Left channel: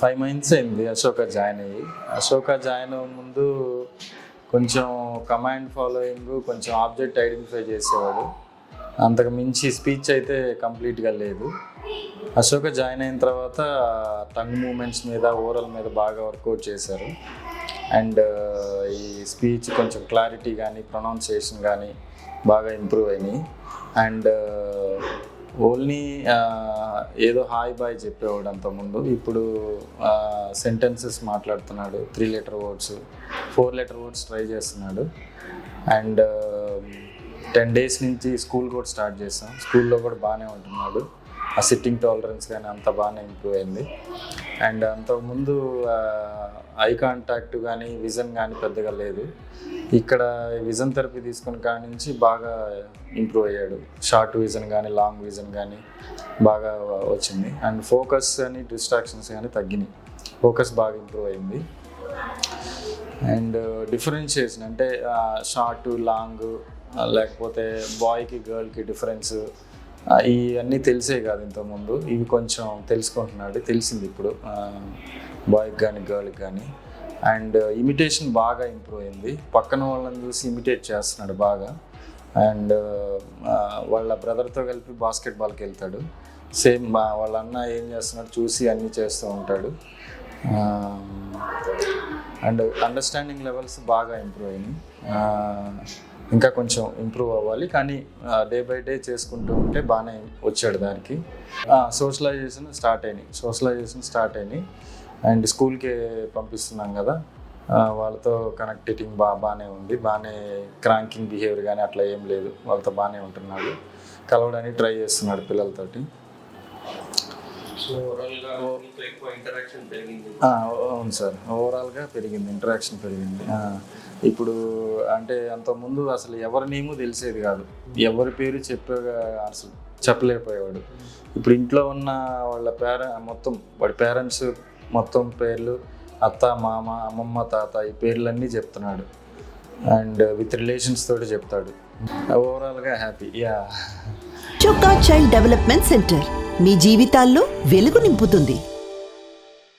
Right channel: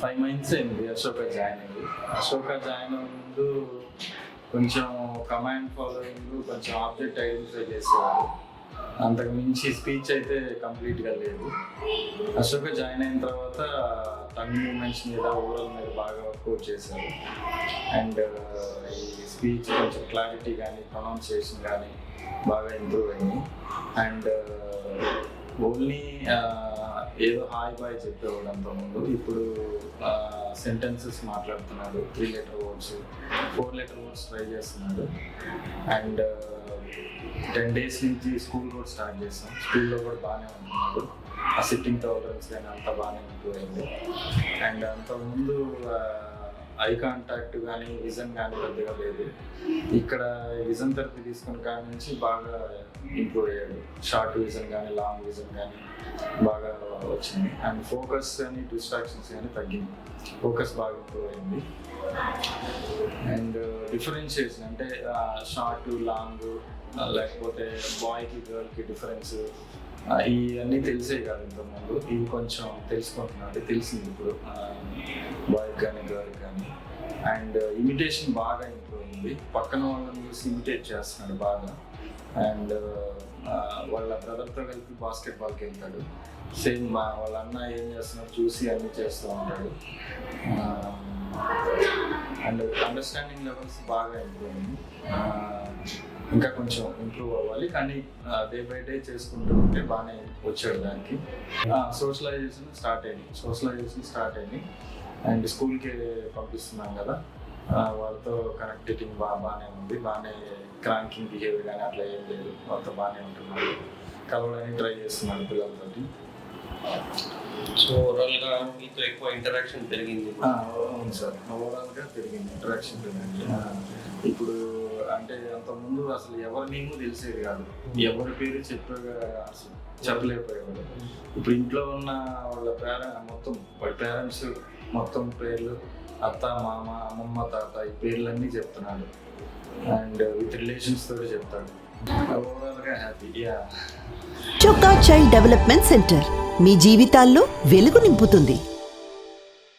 5 months అయింది Ashoka join అయ్యి. Ashoka join అవ్వక ముందు కొంచెం కమాండ్ ఫాలోయింగ్, కొంచెం ఆబ్జెక్ట్ ఐడెంటిఫై చేసేవాడు. అంతకు మించి స్పీచ్ అయితే కంప్లీట్గా లేదు. అశోక జాయిన్ అయిన తర్వాత టంగ్ మూమెంట్స్ మీద, ఓరల్ మీద బాగా వర్కౌట్ చేశారు. అండ్ ఈ స్పీచ్ కొంచెం క్లారిటీ కానీ, ప్రొనౌన్సియేషన్ కానీ బాగా ఇంప్రూవ్ అయినాయి. అండ్ ఓన్లీ ఏదో హాయ్ బాయ్ చెప్పేవాడు అంతకుముందు. ఇప్పుడు సెంటెన్సెస్ మాట్లాడుతున్నాడు. 3 letter words, 4 letter words try చేస్తున్నాడు. అండ్ 10 డేస్ నుంచి స్కూల్ కూడా స్టార్ట్ చేస్తాం. స్కూల్లో కూడా బాగానే ఉంటున్నాడు. ఆ సిట్టింగ్ టాలరెన్స్ కానీ అంత బాగానే ఇంప్రూవ్ అయింది. అండ్ అంతకుముందు ఐ కాంటాక్ట్ కానీ, విజన్ కానీ పెద్దగా లేదు. ఇక్కడ విజన్ థెరపీ తీసుకున్న కాడి నుంచి బాగా ఇంప్రూవ్ అయ్యాడు. షార్ట్ విజన్ కానీ, లాంగ్ విజన్ కానీ బాగా వచ్చింది. అండ్ ఫోకస్ కానీ, డిస్ట్రాక్షన్స్ కానీ తగ్గినాయి. ఫోకస్ బాగా ఇంప్రూవ్ అయింది. అండ్ డిఫరెన్షియేషన్ అంటే షార్ట్, లాంగ్, లేకపోతే బాయ్కి గర్ల్కి డిఫరెన్స్ ఇవన్నీ తెలిసే కాదు ఇంతకుముందు. ఇవి కొంచెం తెలుసుకుంటున్నాడు, తెలిసింది ఇప్పుడు బాయ్కి కానీ, గర్ల్కి కానీ. అండ్ ఇమిటేషన్ బాగా ఇంప్రూవ్ అయింది. పక్కన వాళ్ళని చూసి ఇమిటేట్ చేస్తున్నాడు బాగా. అండ్ వాళ్ళ బ్రదర్తో కలిపి బాస్కెట్బాల్కి వెళ్తాడు. సేమ్ వాళ్ళ అన్న ఏం చేస్తున్నాడు చూసి అన్నీ చేస్తూ ఉంటాడు. అండ్ అండర్స్టాండింగ్ లెవెల్స్ బాగా ఇంప్రూవ్ అయింది. ఇంకా కొంచెం ఇంప్రూవ్ అవ్వాలి, కానీ డే బై డే చేసుకుంటూ ఉంటే బాగానే వచ్చాడు దానికి. సోషలైజేషన్ స్టార్ట్ అయినాయి. అండ్ స్కూల్కి పంపిస్తున్నాం కదా, వాళ్ళతో కనెక్టింగ్ బాగానే ఉంది. బాగానే క్రాంకింగ్ బిహేవియర్ కానీ అట్లా ఏం లేదు. వాళ్ళతో బాగానే ఉంటున్నాడు. కలవడానికి ట్రై చేస్తున్నాడు పిల్లలతోటి. సో ఓవరాల్గా మీతో ఎక్కువ ఇంటరాక్షన్ పెరిగింది. అవును సార్, ఓవరాల్గా పెరిగింది, ఇంటరాక్షన్ పెరిగింది. ఇప్పుడు అంటే అంతకుముందు అసలు ఎవరి నేమో తెలిసేది కాదు. ఎవరి పేరు అసలు చెప్పలేకపోయేవాడు. ఇప్పుడు ఇంట్లో ఉన్న వాళ్ళ మొత్తం వాడి పేరెంట్స్ మొత్తం పేర్లు, అత్త, మామ, అమ్మమ్మ, తాత, ఈ పేర్లన్నీ చెప్తున్నాడు. అండ్ విత్ రిలేషన్స్ తోటి చెప్తాడు. ఓవరాల్గా హ్యాపీ. చోకా చైల్డ్ డెవలప్మెంట్ సెంటర్ మీ జీవితాల్లో వెలుగు నింపుతుంది.